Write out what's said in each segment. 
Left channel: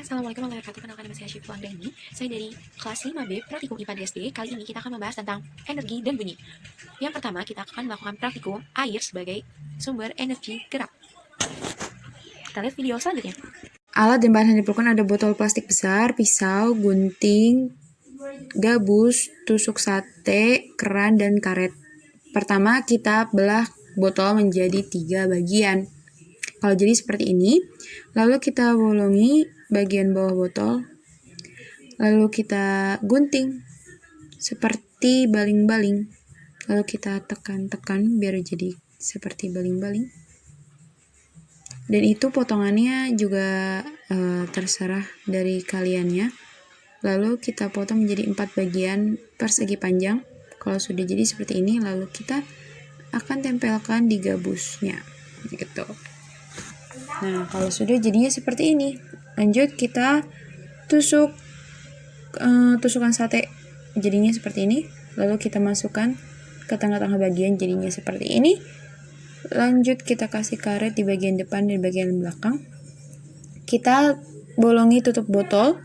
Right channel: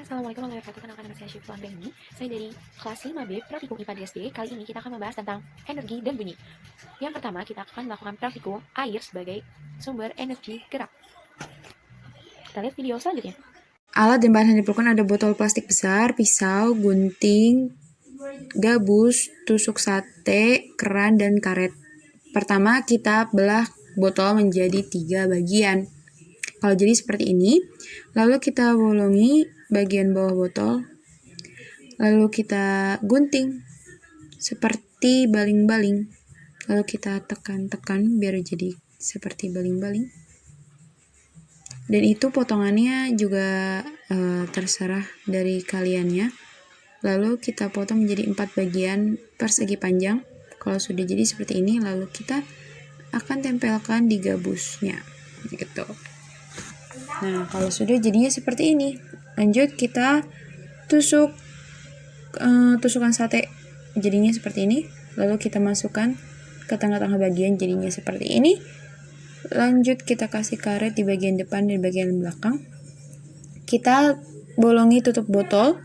Assalamualaikum warahmatullahi wabarakatuh. Kenalkan nama saya Syifa Andani. Saya dari kelas 5B Praktikum IPA DSD. Kali ini kita akan membahas tentang energi dan bunyi. Yang pertama, kita akan melakukan praktikum air sebagai sumber energi gerak. Kita lihat video selanjutnya. Alat dan bahan yang diperlukan ada botol plastik besar, pisau, gunting, gabus, tusuk sate, keran, dan karet. Pertama, kita belah botol menjadi 3 bagian. Kalau jadi seperti ini, lalu kita bolongi bagian bawah botol, lalu kita gunting seperti baling-baling, lalu kita tekan-tekan biar jadi seperti baling-baling. Dan itu potongannya juga terserah dari kaliannya. Lalu kita potong menjadi 4 bagian persegi panjang. Kalau sudah jadi seperti ini, lalu kita akan tempelkan di gabusnya gitu. Nah, kalau sudah jadinya seperti ini, lanjut kita tusuk tusukan sate jadinya seperti ini. Lalu kita masukkan ke tengah-tengah bagian jadinya seperti ini. Lanjut kita kasih karet di bagian depan dan bagian belakang. Kita bolongi tutup botol.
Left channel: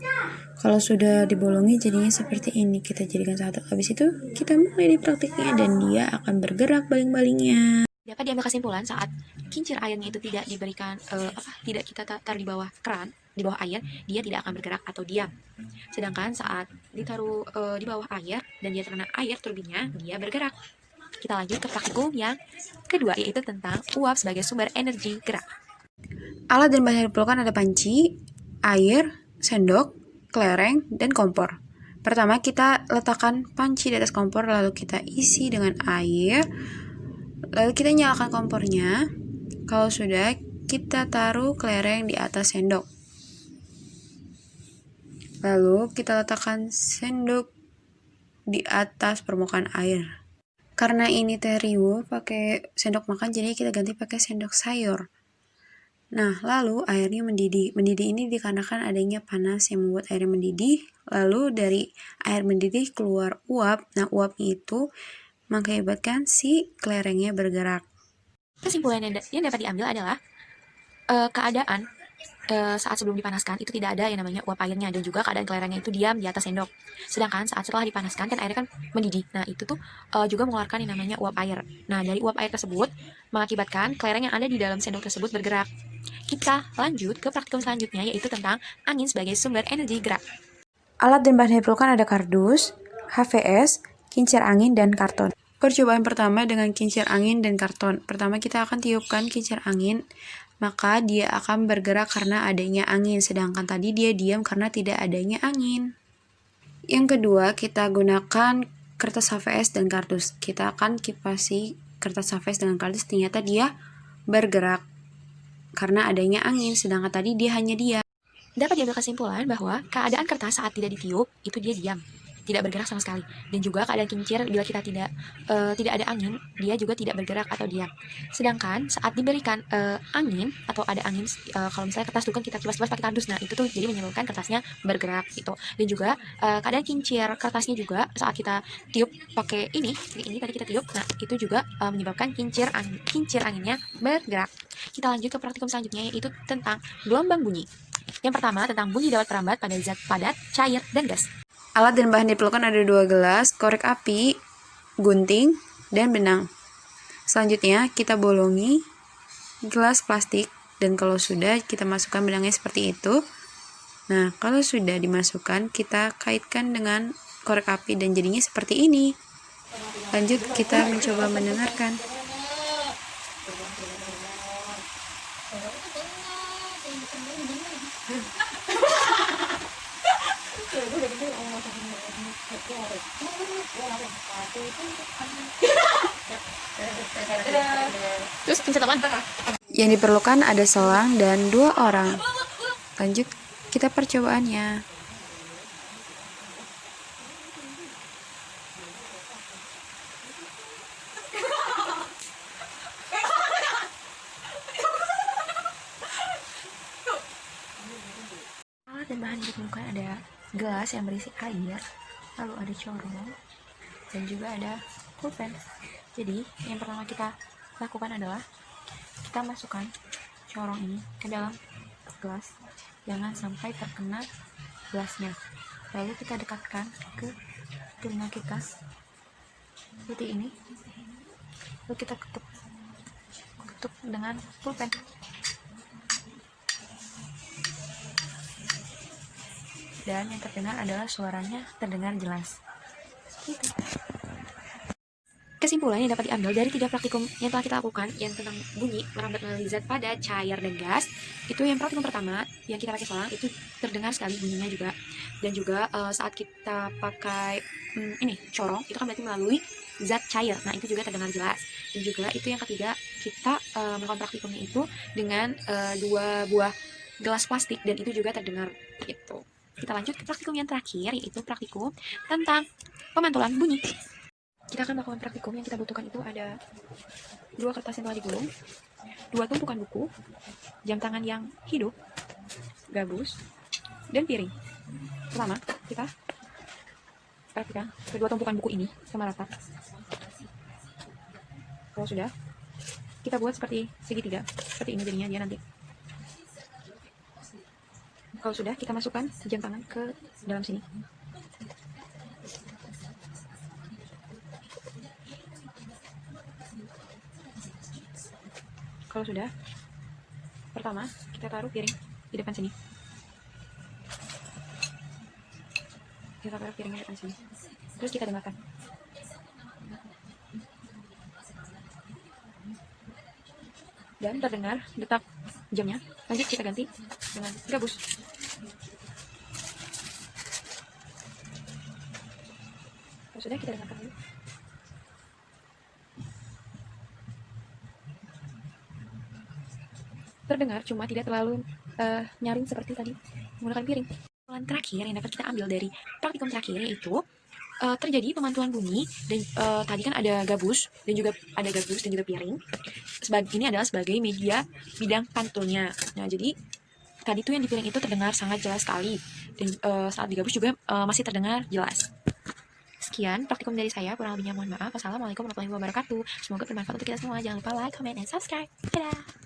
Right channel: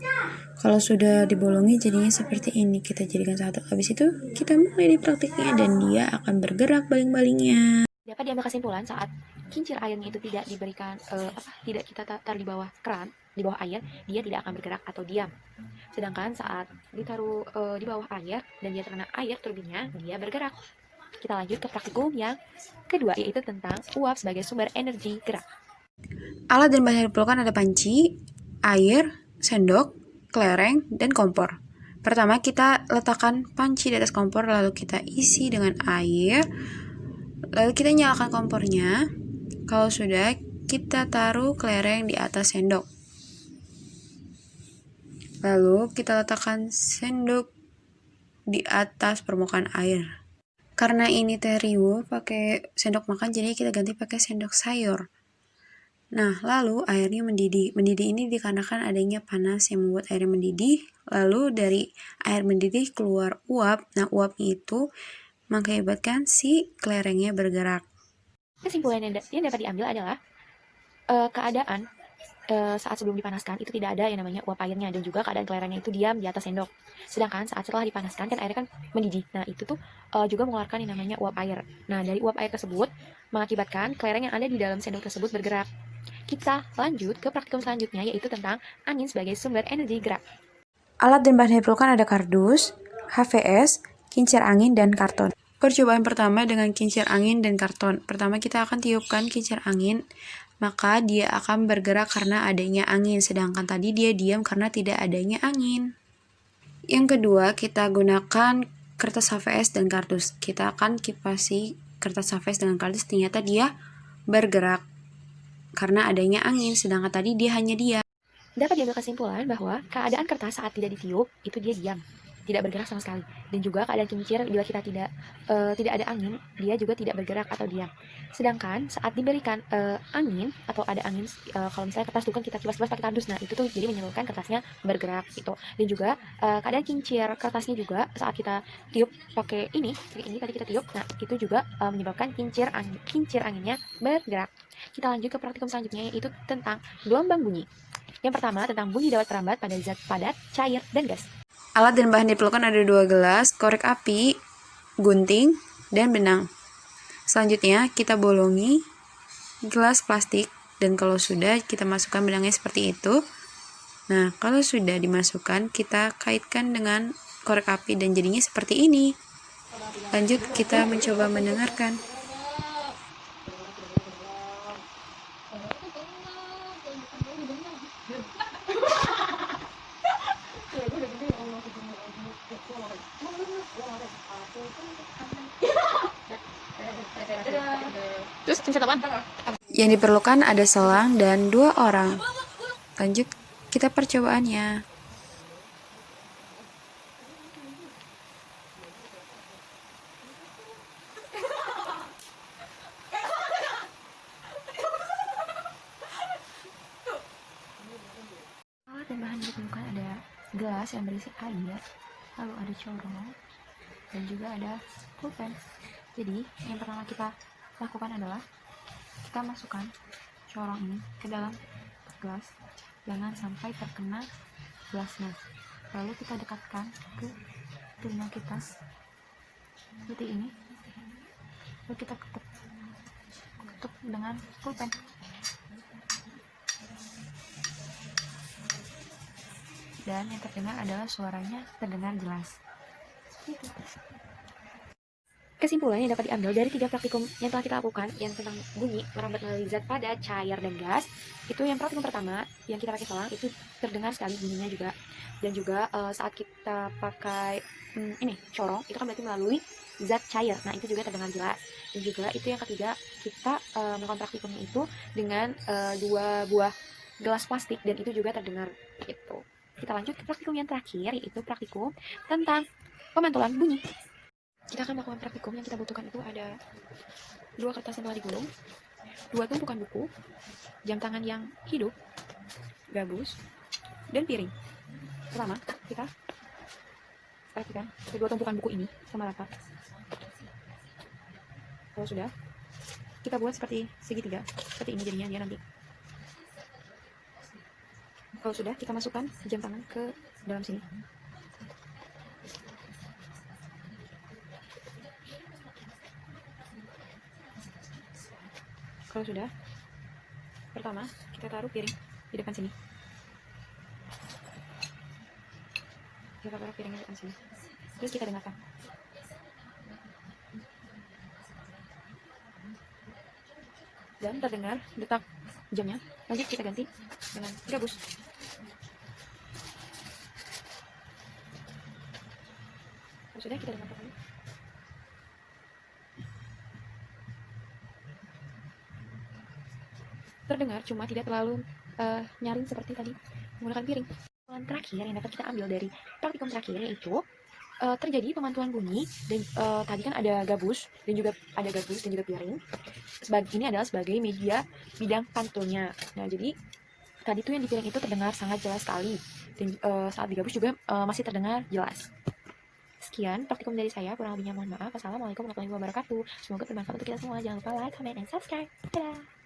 Kalau sudah dibolongi jadinya seperti ini, kita jadikan satu. Habis itu kita mulai di praktiknya dan dia akan bergerak baling-balingnya. Dapat diambil kesimpulan saat kincir airnya itu tidak diberikan tidak kita taruh di bawah keran, di bawah air, dia tidak akan bergerak atau diam. Sedangkan saat ditaruh di bawah air dan dia terkena air turbinnya, dia bergerak. Kita lanjut ke praktikum yang kedua, yaitu tentang uap sebagai sumber energi gerak. Alat dan bahan yang diperlukan ada panci, air, sendok, kelereng, dan kompor. Pertama kita letakkan panci di atas kompor, lalu kita isi dengan air, lalu kita nyalakan kompornya. Kalau sudah, kita taruh kelereng di atas sendok. Lalu kita letakkan sendok di atas permukaan air. Karena ini terigu pakai sendok makan, jadi kita ganti pakai sendok sayur. Nah, lalu airnya mendidih. Mendidih ini dikarenakan adanya panas yang membuat airnya mendidih. Lalu dari air mendidih keluar uap. Nah, uapnya itu mengakibatkan si kelerengnya bergerak. Kesimpulan yang dapat diambil adalah keadaan saat sebelum dipanaskan itu tidak ada yang namanya uap airnya, dan juga keadaan kelerengnya itu diam di atas sendok. Sedangkan saat setelah dipanaskan kan airnya kan mendidih. Nah, itu tuh juga mengeluarkan yang namanya uap air. Nah, dari uap air tersebut mengakibatkan kelereng yang ada di dalam sendok tersebut bergerak. Kita lanjut ke praktikum selanjutnya, yaitu tentang angin sebagai sumber energi gerak. Alat dan bahan yang diperlukan ada kardus, HVS, kincir angin, dan karton. Percobaan pertama dengan kincir angin dan karton. Pertama kita akan tiupkan kincir angin, maka dia akan bergerak karena adanya angin, sedangkan tadi dia diam karena tidak adanya angin. Yang kedua, kita gunakan kertas HVS dan kardus. Kita akan kipasi kertas HVS dengan kardus, ternyata dia bergerak karena adanya angin, sedangkan tadi dia hanya diam. Dapat diambil kesimpulan bahwa keadaan kertas saat tidak ditiup itu dia diam, tidak bergerak sama sekali. Dan juga keadaan kincir bila kita tidak ada angin, dia juga tidak bergerak atau diam. Sedangkan saat diberikan angin atau ada angin, kalau misalnya kertas itu kan kita kibas-kibas pakai kardus, nah itu tuh jadi menyebabkan kertasnya bergerak gitu. Dan juga keadaan kincir kertasnya juga saat kita tiup pakai ini tadi kita tiup, nah itu juga menyebabkan kincir anginnya bergerak. Kita lanjut ke praktikum selanjutnya, yaitu tentang gelombang bunyi. Yang pertama, tentang bunyi dapat merambat pada zat padat, cair, dan gas. Alat dan bahan diperlukan ada 2 gelas, korek api, gunting, dan benang. Selanjutnya kita bolongi gelas plastik, dan kalau sudah kita masukkan benangnya seperti itu. Nah, kalau sudah dimasukkan, kita kaitkan dengan korek api dan jadinya seperti ini. Lanjut kita mencoba mendengarkan. Terus pencet apa? Yang diperlukan ada selang dan 2 orang. Lanjut kita percobaannya. Alat dan bahan yang diperlukan ada gelas yang berisi air, lalu ada corong, dan juga ada pulpen. Jadi yang pertama kita lakukan adalah kita masukkan corong ini ke dalam gelas, jangan sampai terkena gelasnya. Lalu kita dekatkan ke telinga kita seperti ini, lalu kita ketuk dengan pulpen. Dan yang terdengar adalah suaranya terdengar jelas. Seperti itu. Kesimpulan yang dapat diambil dari 3 praktikum yang telah kita lakukan yang tentang bunyi merambat melalui zat padat, cair, dan gas, itu yang praktikum pertama yang kita pakai selang itu terdengar sekali bunyinya juga. Dan juga saat kita pakai corong itu kan berarti melalui zat cair, nah itu juga terdengar jelas. Dan juga itu yang ketiga, kita melakukan praktikumnya itu dengan 2 buah gelas plastik dan itu juga terdengar gitu. Kita lanjut ke praktikum yang terakhir, yaitu praktikum tentang pemantulan bunyi. Kita akan melakukan praktikum yang kita butuhkan itu ada 2 kertas yang telah digulung, 2 tumpukan buku, jam tangan yang hidup, gabus, dan piring. Pertama, kita praktikkan kedua tumpukan buku ini sama rata. Kalau sudah, kita buat seperti segitiga, seperti ini jadinya dia nanti. Kalau sudah, kita masukkan jam tangan ke dalam sini. Kalau sudah, pertama kita taruh piring di depan sini. Kita taruh piringnya di depan sini. Terus kita dengarkan. Dan terdengar detak jamnya. Lanjut kita ganti dengan gabus. Kalau sudah, kita dengarkan dulu. Terdengar, cuma tidak terlalu nyaring seperti tadi menggunakan piring. Yang terakhir yang dapat kita ambil dari praktikum terakhir yaitu terjadi pemantulan bunyi dan tadi kan ada gabus dan juga piring. Ini adalah sebagai media bidang pantulnya. Nah, jadi tadi tuh yang di piring itu terdengar sangat jelas sekali dan saat di gabus juga masih terdengar jelas. Sekian praktikum dari saya, kurang lebihnya mohon maaf. Wassalamualaikum warahmatullahi wabarakatuh. Semoga bermanfaat untuk kita semua. Jangan lupa like, comment, and subscribe. Dadah!